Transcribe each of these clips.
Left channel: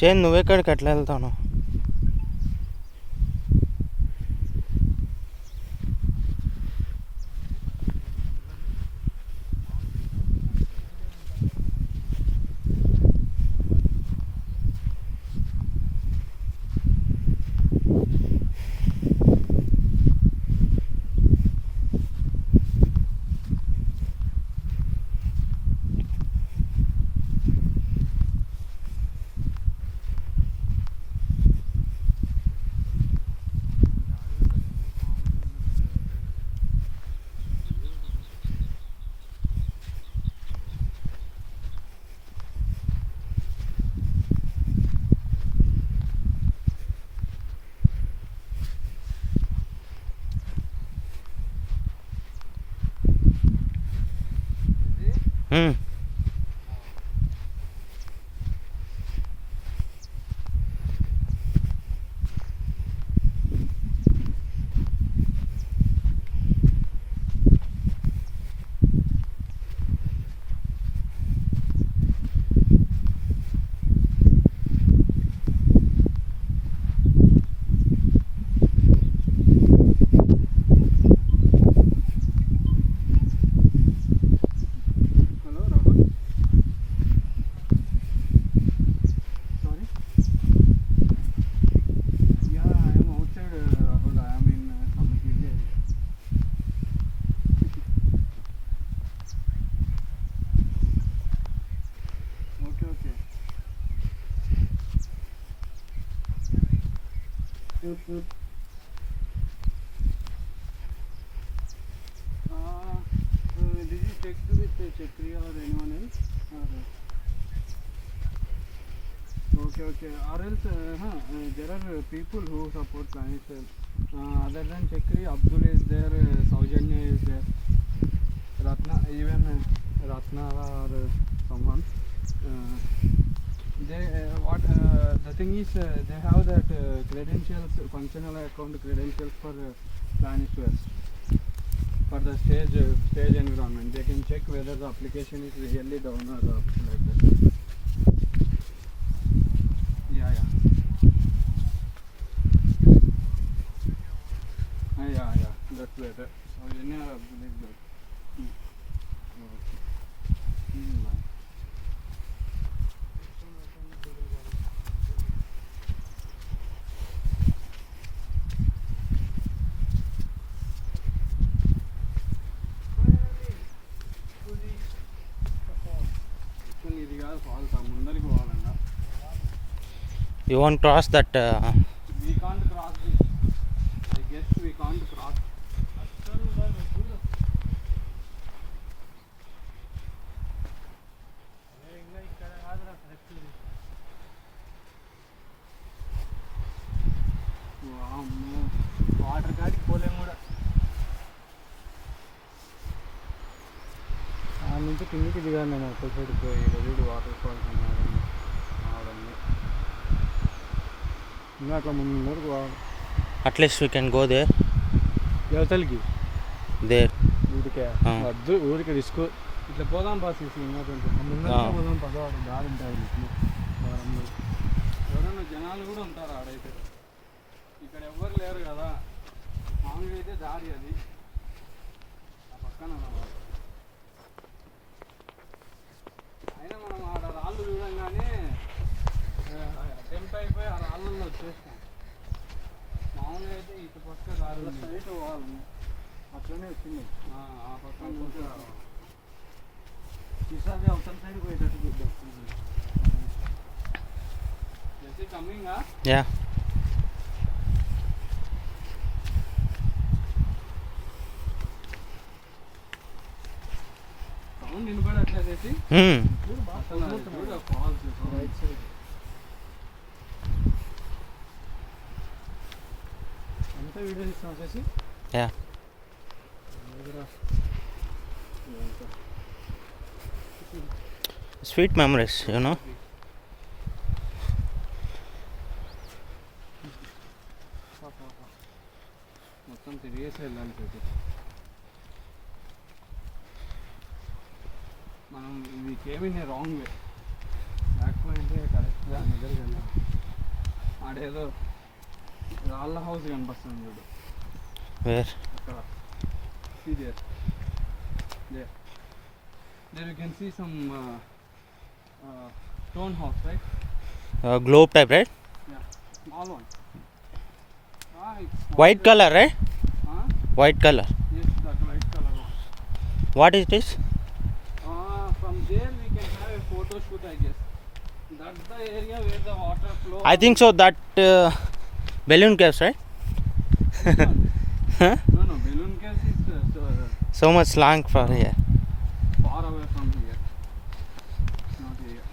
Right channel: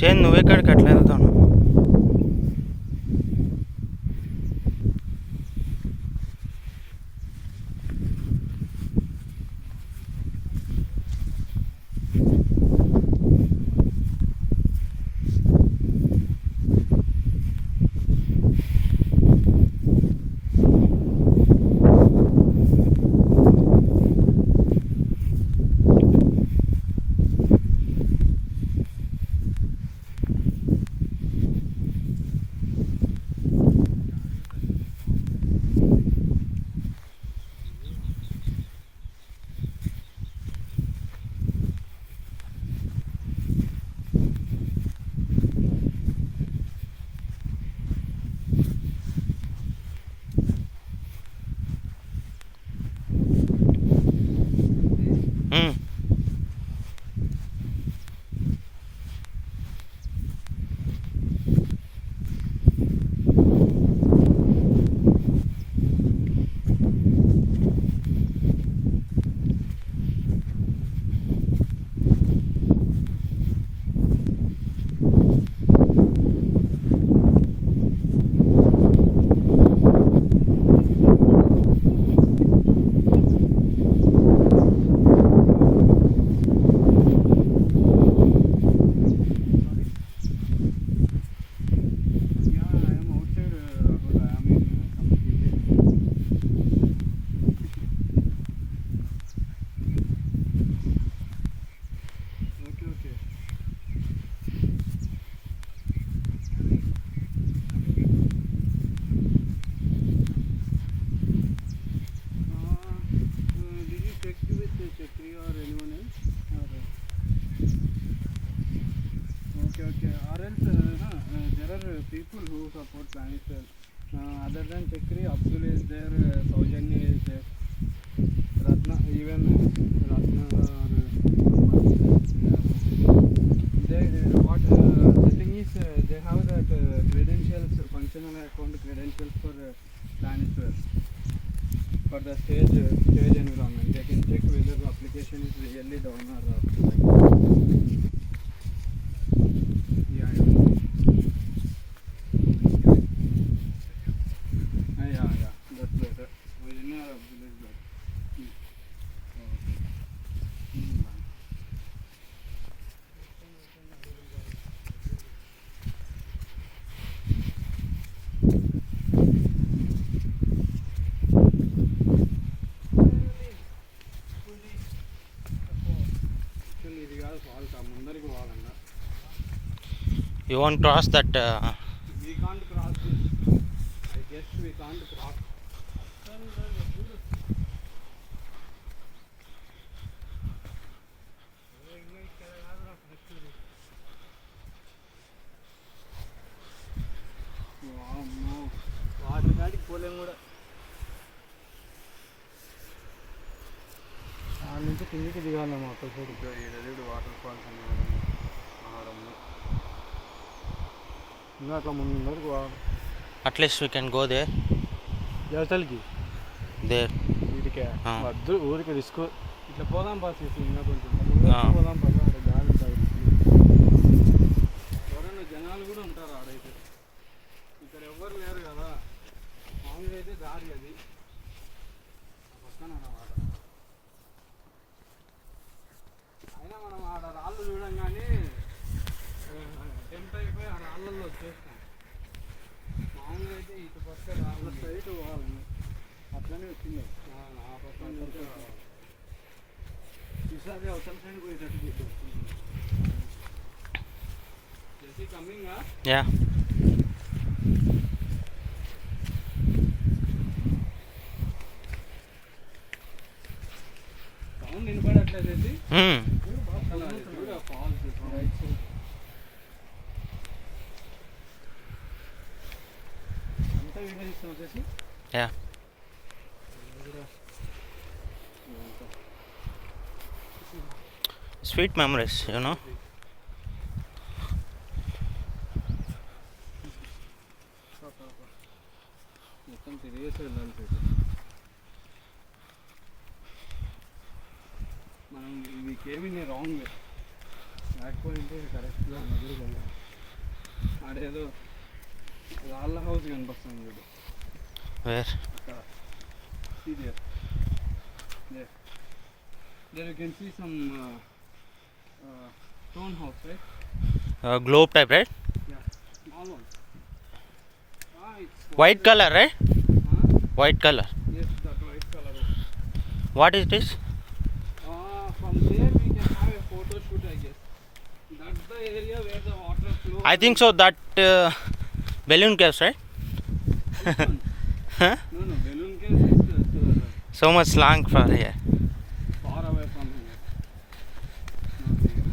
చేను నువ్వెక్కడికి అట్లా వెళ్తాను? Okay. Or else, there are people who support Planisware. Other than Chakri, Abdul is there, Saujanya is there, Ratna, even Ratna or someone. The thing is, they have the credentials, functional account credentials for Planisware. For the stage environment, they can check whether the application is really down or up. Yeah. That's better. You won't cross that. We can't cross this. I guess we can't cross. Water కాడికి పోలేము కూడా. ఆ నుంచి కిందికి దిగాను మొత్తం side పోయి water falls అవడం ఇంకా అట్లా ముందరకు పోవాలి. At least we can go there. యువతలకి There. వీటికే వద్దు ఊరికి రిస్క్. ఇట్లా పోదాం బాస్ పోదాం పక్క గాలి ఉంటాయి. ఎవరైనా జనాలు కూడా ఉంటారు ఆడైతే. ఇక్కడ ఎవ్వరు లేరు కదా. మామూలుగా అయితే దారి అది ఆ పక్కన అయినా మనం ఆడ రాళ్ళు చూడంగానే అటెంప్ట్ అయిపోయి ఆ రాళ్ళల్లో వచ్చేస్తాం. మామూలుగా అయితే ఇటు పక్క రాళ్ళు సైడ్ పోవాలి. అట్లనే వచ్చింది ఆ పక్కన నుంచి ఈసారి అవతల సైడ్ పోయేటట్టు చూద్దాం. Jessie coming. Yeah. సౌండ్ వినపడట్లేదు. అంతా వీడియో ఇస్తాం వచ్చేసి. Yeah. Sweet memories, you know. మొత్తం తిరిగేసి వెళ్ళాలి పెట్టి మనం. We came in a wrong way. Back పోయి అంటే కరెక్ట్గా దగ్గరికి వెళ్ళాం. ఆడేదో రాళ్ళ హౌస్ కనిపిస్తుంది చూడు Where? అక్కడ. See there. There. There you can see some stone house, right? Globe type, right? Yeah, small one. It's White color, right? Huh? White color. Yes, that white color one. What is this? From there we can have a photo shoot, I guess. That's the area where the water flows. I think so. That balloon caves, right? Which one? Huh? No, balloon caves is So much long for here. far away from here. Not here.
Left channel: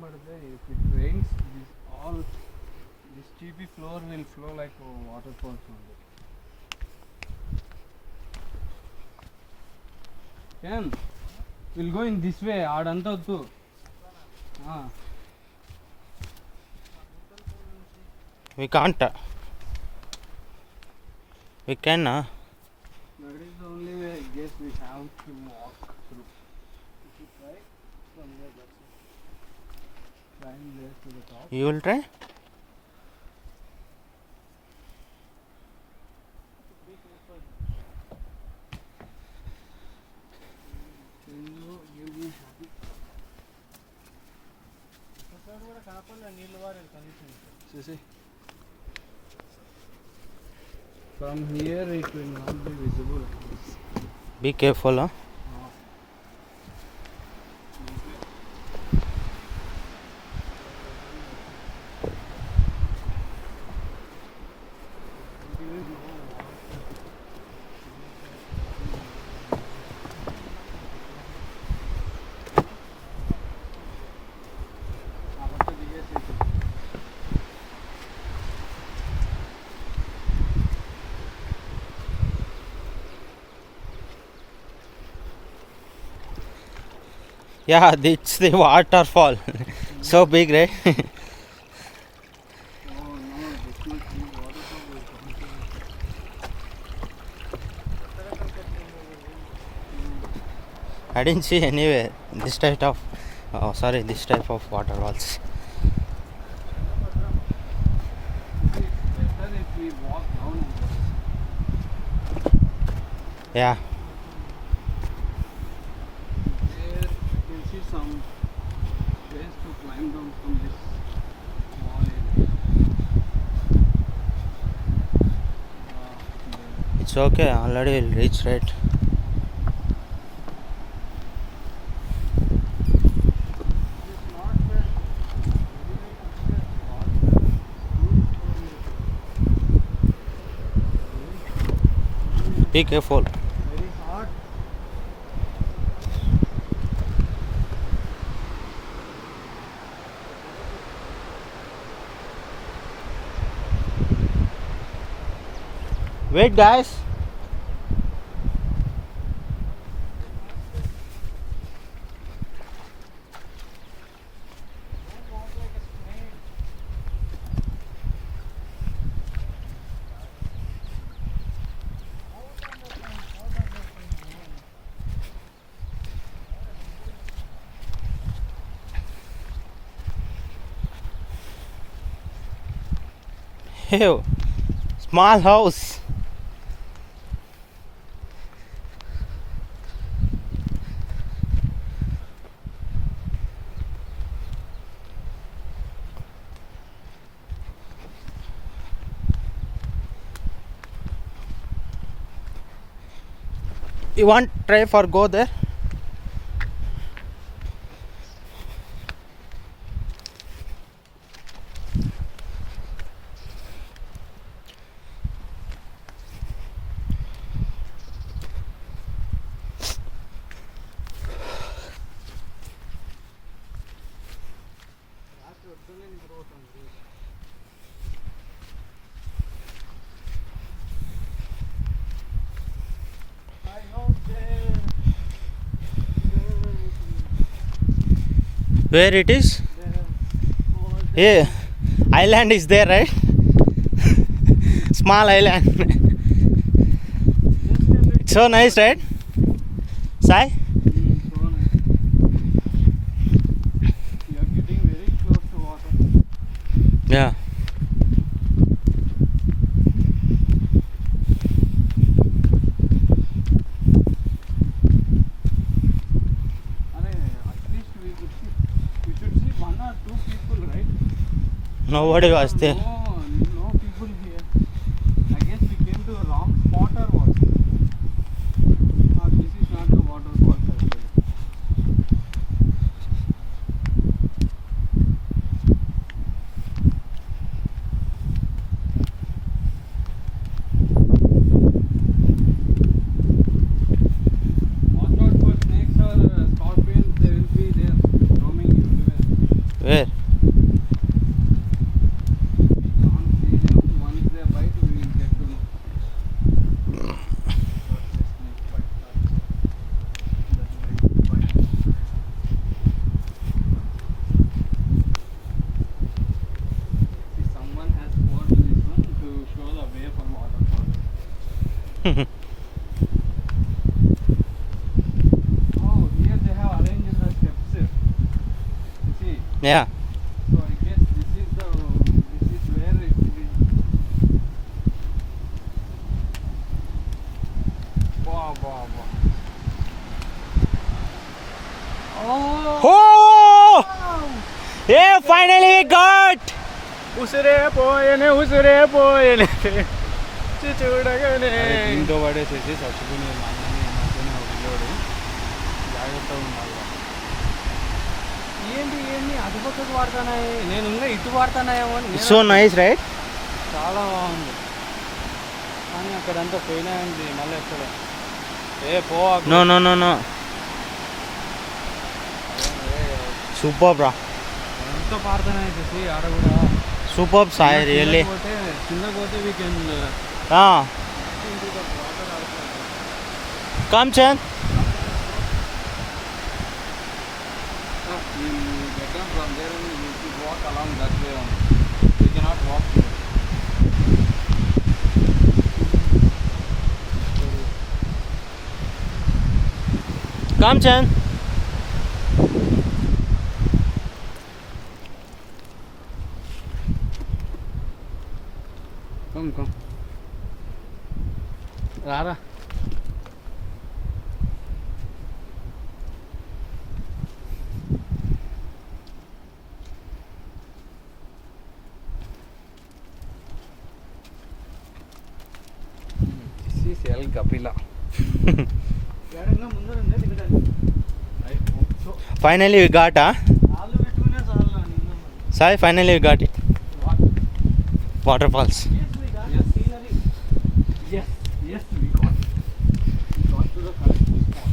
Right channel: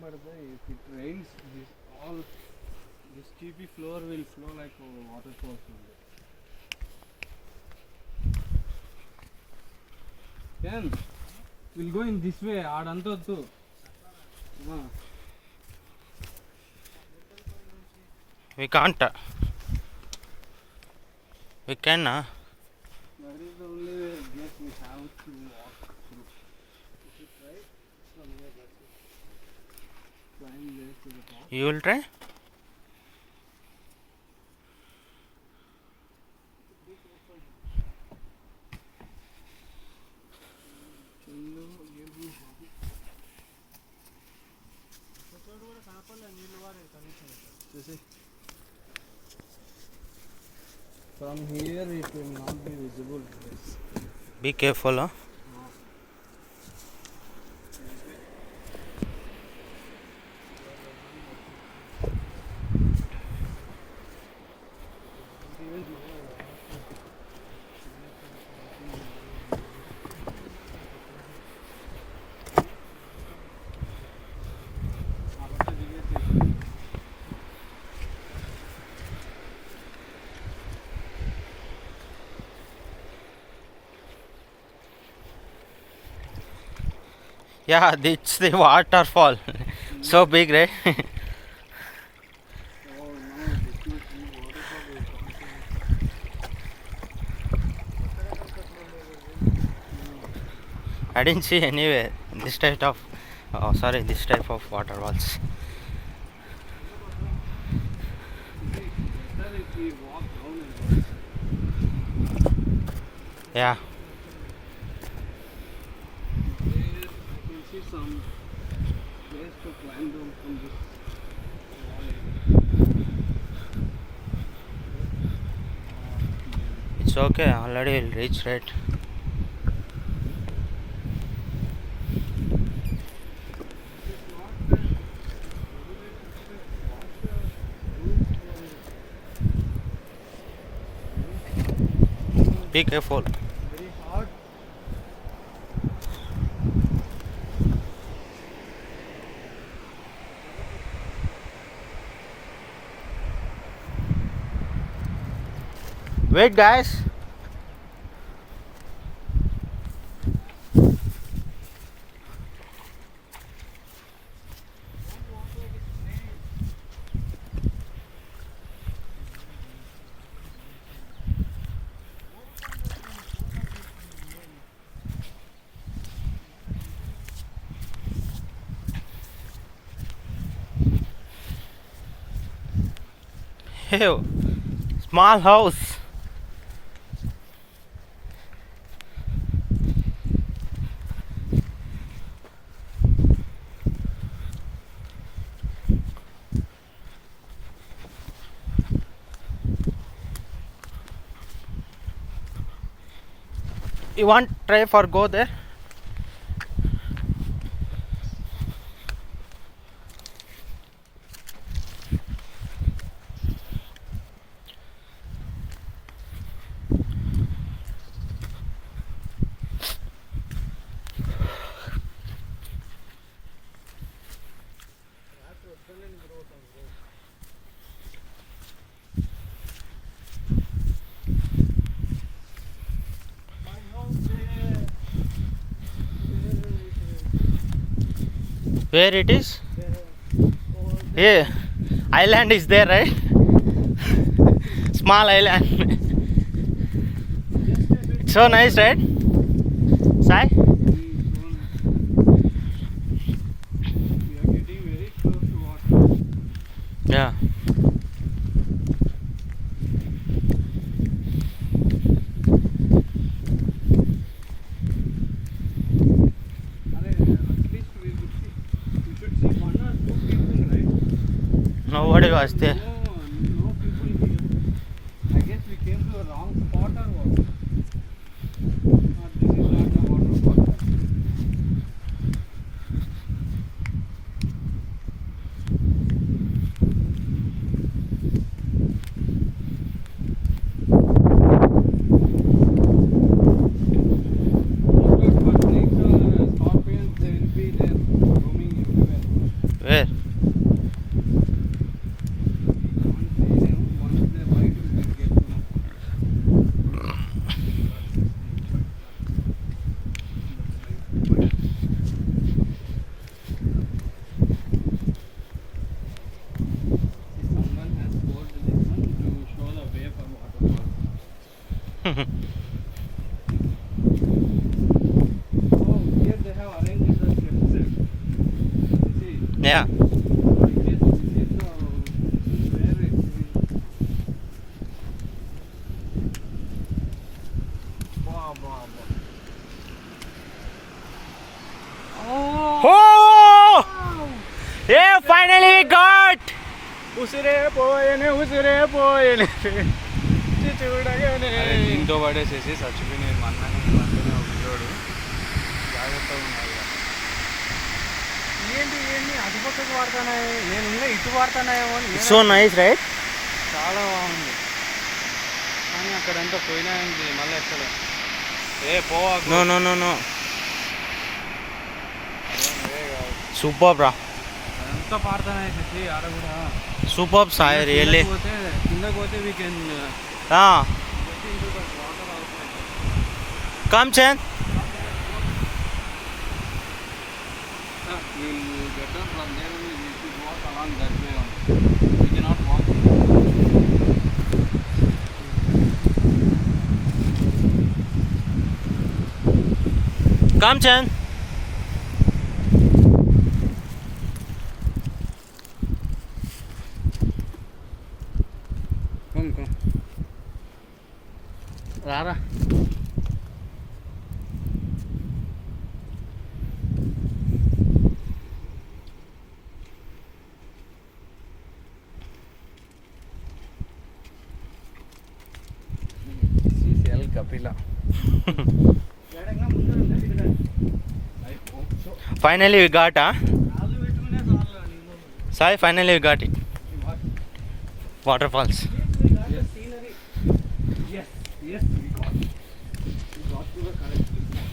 But if it rains, this cheapy floor will flow like waterfalls only. Ken, we'll go in this way. Adanto too. We can't. We can. That is the only way I guess we have to walk through. If you try from here, that's it. Climb there to the top. You will try? See. From here it will not be visible. Be careful, huh? Yeah, it's the waterfall. So big, right? Oh no, this is I didn't see anywhere this type of this type of waterfalls. better if we walk down and Yeah. there you can see some place to climb down from this small area. It's okay, already we'll reach, right? Be careful. Very hard. Wait, guys. Hey, small house. You want try for go there? Where it is? There, Yeah, island is there, right? Small island. just a bit. So nice, right? Sai? So nice. We are getting very close to water. Yeah. At least we should see one or two people, right? Nobody was there. No people here. I guess we came to a wrong spot or what? This is not the waterfall. Actually. Watch out for snakes or scorpions. They will be there roaming everywhere. Where? We can't see them. Once they bite, we will get to know. Someone has poured this one to show the way for waterfall. Oh, here they have arranged the steps. You see? Yeah. So I guess this is where it is. Wow, wow, wow. Oh! Oh! Yeah, finally we got! ఉసిరే పోయనే చూడగానే దీంతో పడేసేసి చచ్చిపోయిన మన్నని మధ్యన పిల్లోడు జాగ్రత్తగా ఉండాలి. ఏంటి అటు పక్కకు వాడుతున్నాయి, నేను ఇంకా ఇటు వాడుతున్నాయేమో అని It's so nice, right? చాలా బాగుంది. కానీ అక్కడంతా పోయినాయండి మళ్ళీ ఎక్కడ పోవాకు. No. Superb, bro. ఎంత పాడుతున్నాయి చేసి ఆడ కూడా Superb, Sai, really. కిందకు పోతే we can Ah. Come, Chen. we'll get down from there and we should walk along that way only. We cannot walk. Come, Chen. Come. Rara. This is El Kapila. Finally we got, huh? Sai, finally we got it. Waterfalls. Yes, we got to the correct spot.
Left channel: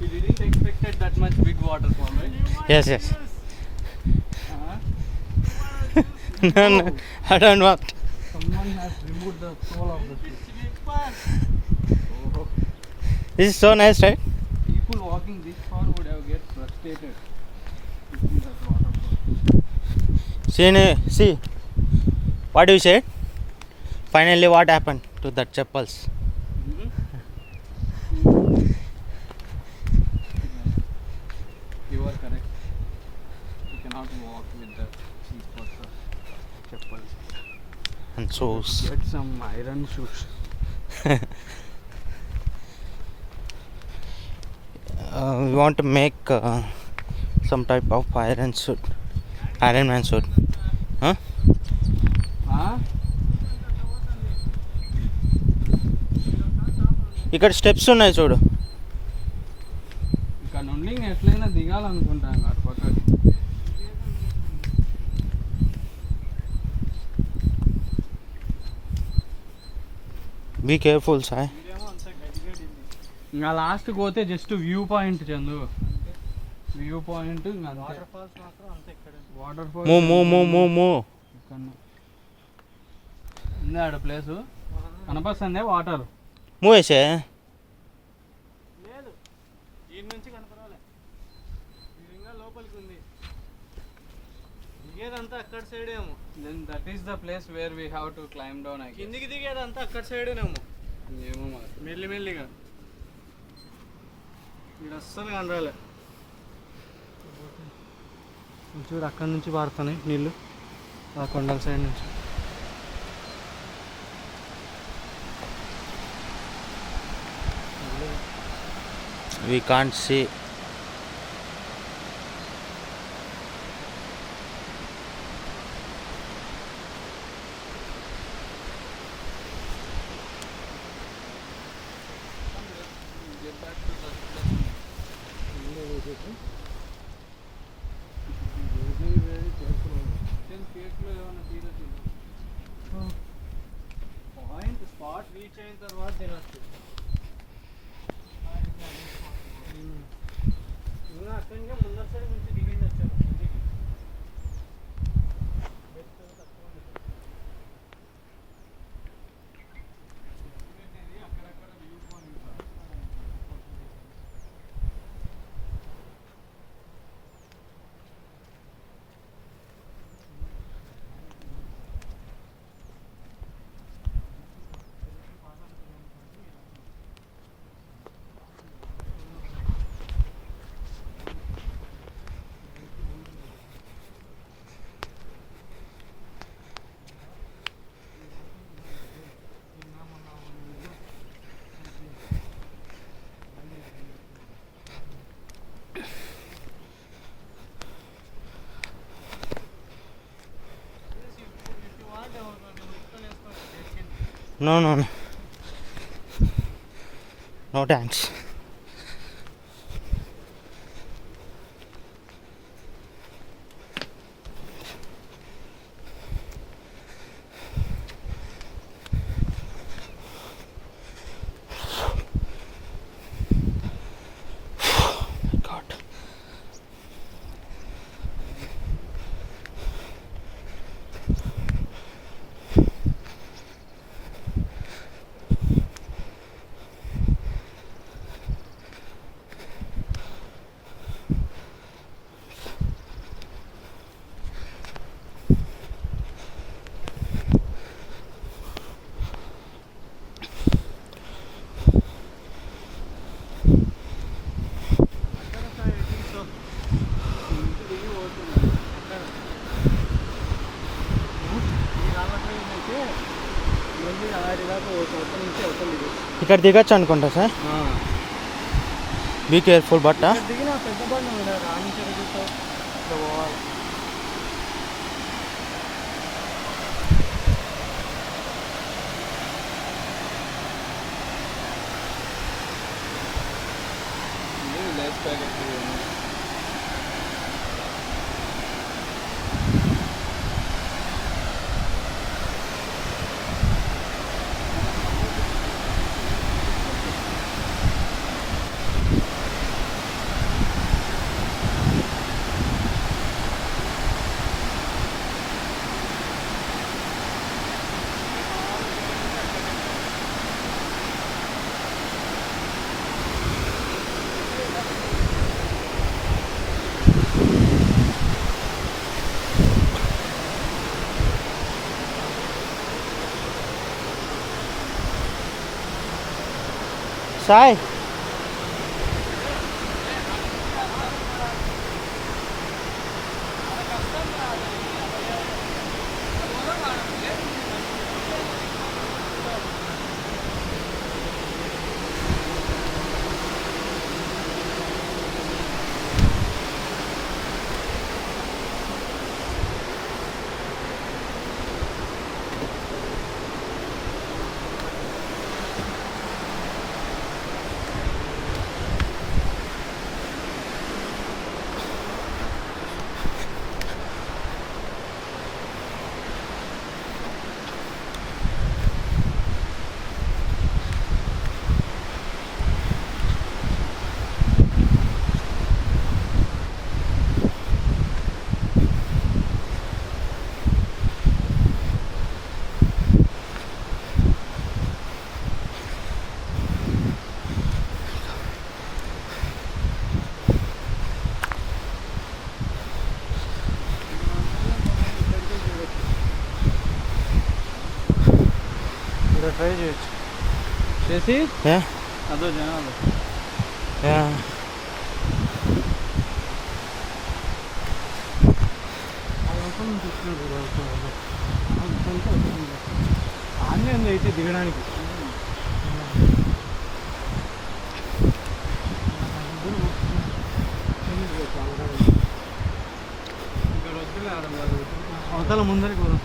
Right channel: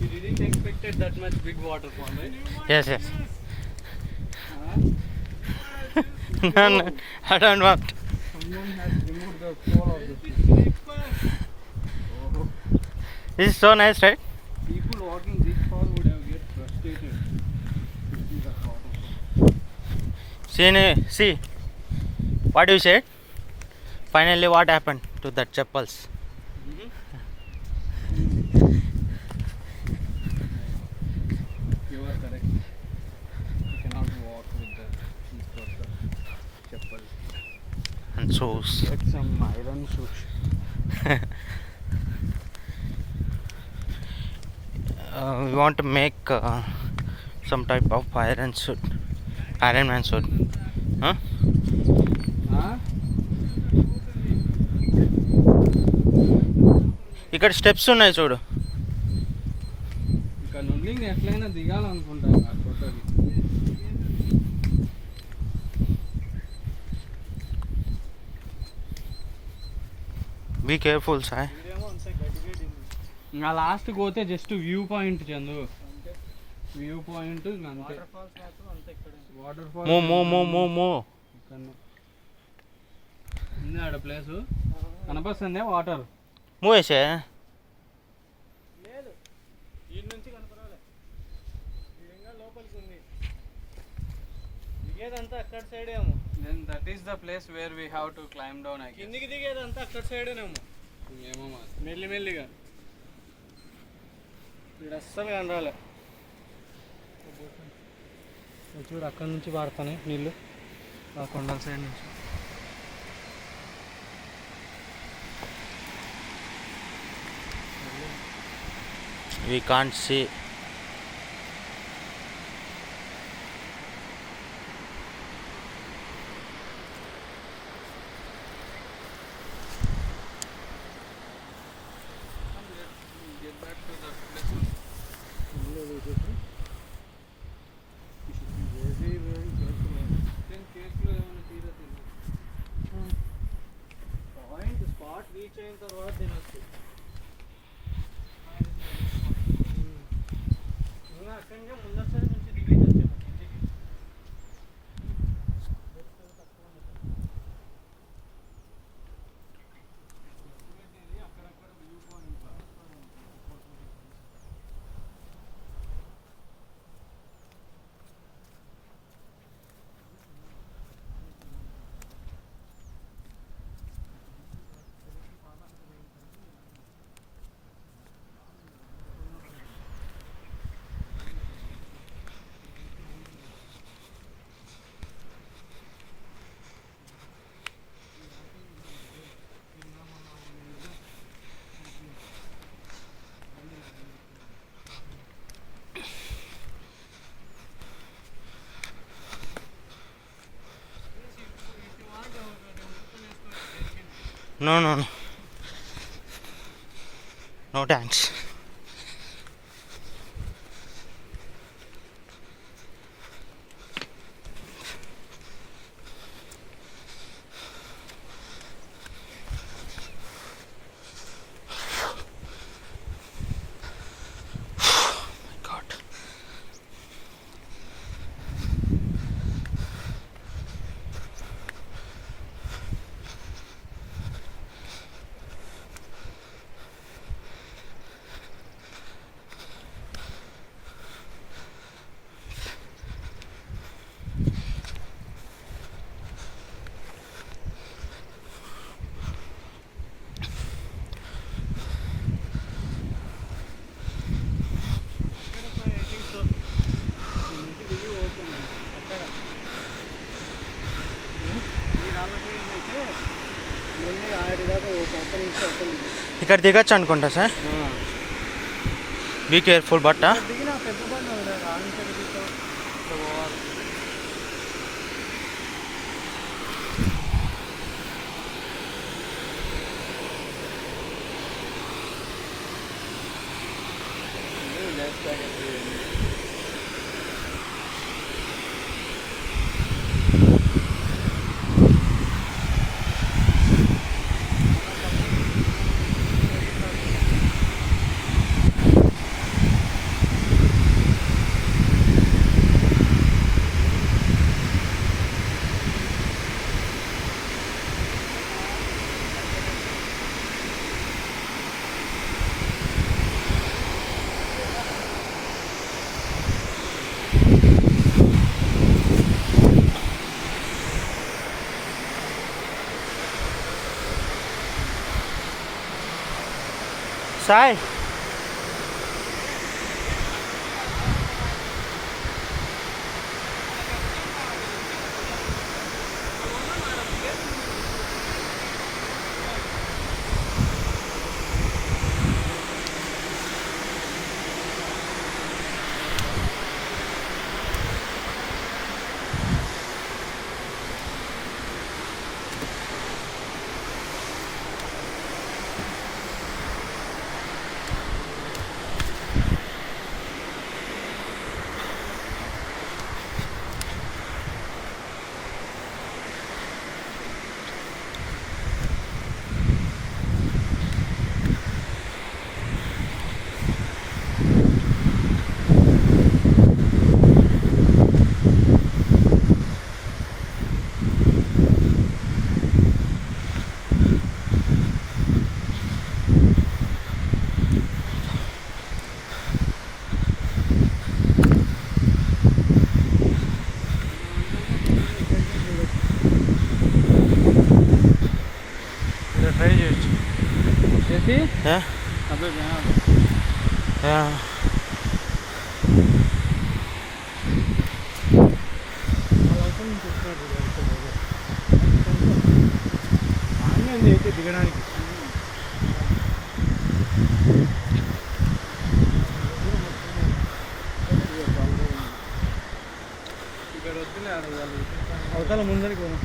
We didn't expect that much big waterfall, right? Yes. No, I don't want. Someone has removed the soul of the fish. Oh, This is so nice, right? people walking this far would have get frustrated to see that waterfall. See, what do you say? Finally, what happened to that chappals? You are correct. You cannot walk with the cheap chappals. And shoes. Get some iron shoes. We want to make some type of Iron Man suit. Huh? ఇక్కడ steps ఉన్నాయి చూడు. ఇక్కడ నుండి నేను ఎట్లయినా దిగాలనుకుంటాను ఆ పక్కకి. Be careful Sai. ఇంకా లాస్ట్కి పోతే just view point Chandu, view point ఇంకా అంతే. వాటర్ ఫాల్స్ మూవ్ ఉంది ఆడ ప్లేసు కనపస్తుందే వాటర్. మూవేసే లేదు ఈ నుంచి కనపడలే, ఇంకా లోపలికి ఉంది. దిగేదంతా అక్కడ సైడ్ ఏమో. Then that is the place where we have to climb down. కిందికి దిగేదంతా అక్కడ సైడేనేమో. ఏమో మెల్లిమెల్లిగా ఇక్కడ అస్సలు కనరాలే. చూడు అక్కడి నుంచి పాడుతున్నాయి నీళ్ళు ఆ కొండల సైడ్ నుంచి. we can't see. Get back to the place. Very careful. Then cake లో ఏమైనా తీరొచ్చు. పాయింట్ స్పాట్ రీచ్ అయిన తర్వాత తినచ్చు. ఇంకా అక్కడి నుంచి ముందర సైడ్ నుంచి దిగేసి వచ్చాము ఇంటికి. అక్కడక్కడ view point. No, no, no. No thanks. God. ఇక్కడ దిగచ్చు అనుకుంటా సార్. బీ కేర్ఫుల్ బట్ట. దిగిన పెద్ద బండి రాణించడంతో ఇక్కడ పోవాలి. Left side Sai. See? Yeah. Other than Yeah. ఆనే ఉంది అయితే దిగడానికి ఇక్కడ వద్దులే అవతల ముందరికి పోదాం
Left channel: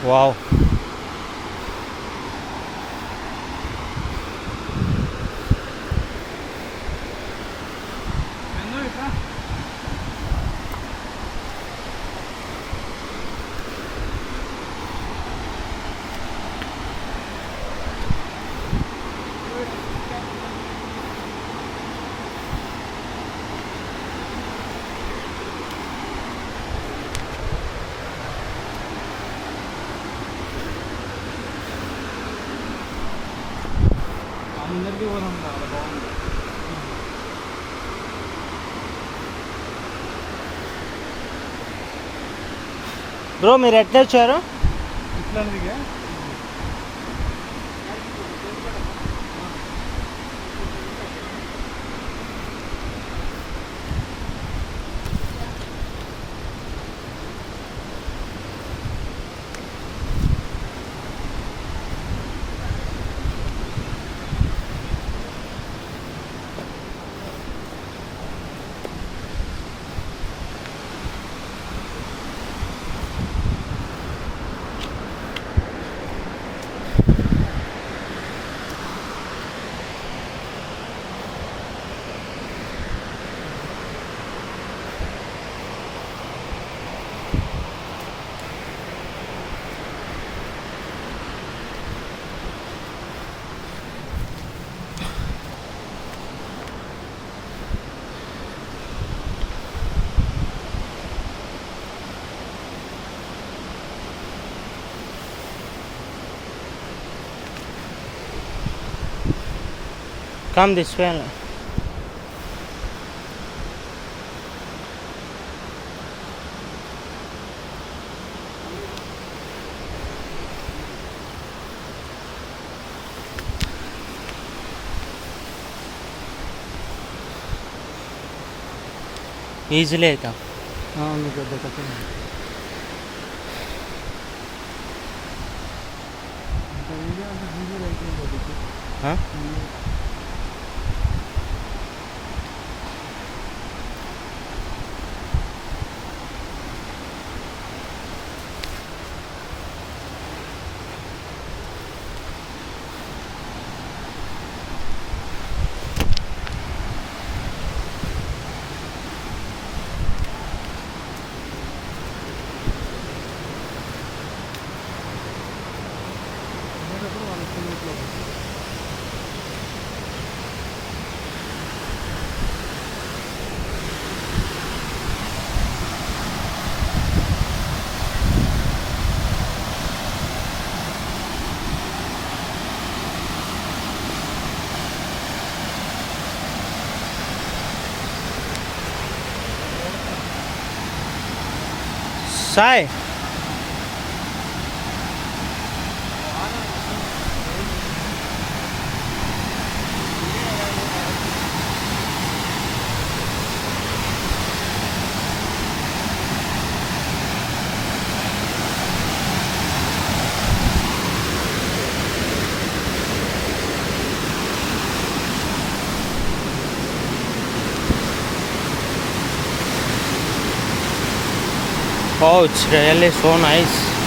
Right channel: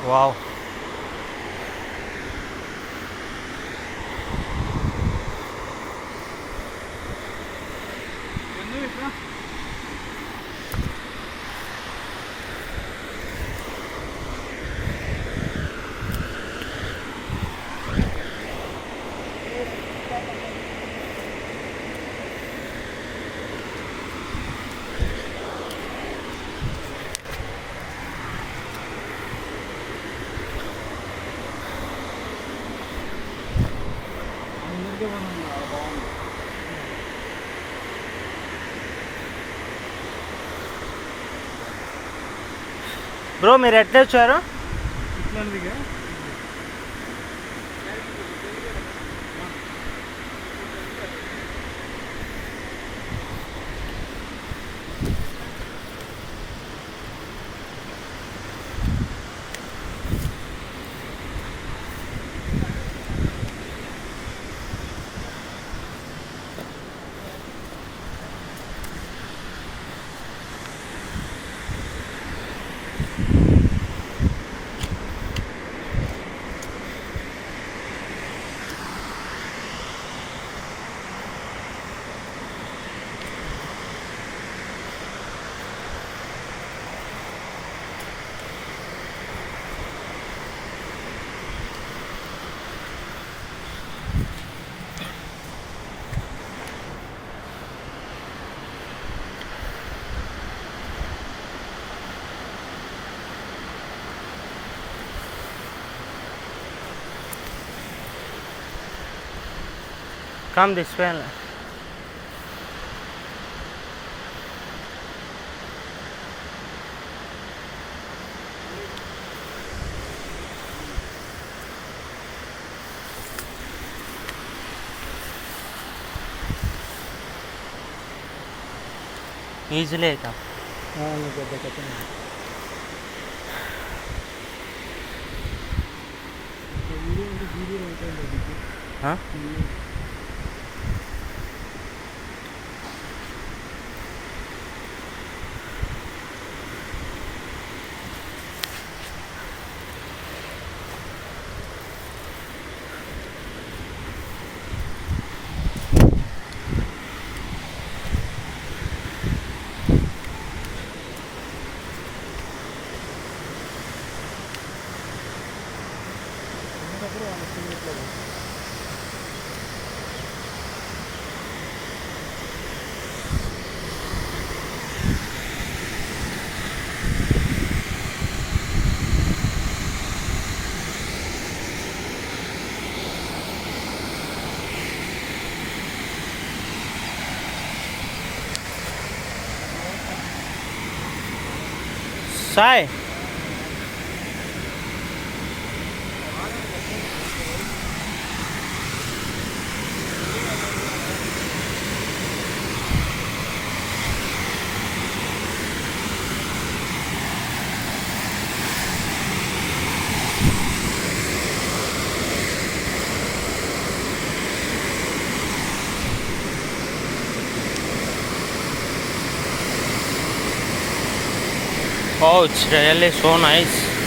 Wow. ముందరికి పోదాం బ్రో మీరు ఎట్లా వచ్చారు? ఇట్లాంటిదిగా Come this way. Easily come. Huh? Sai. Oh, it's really so nice.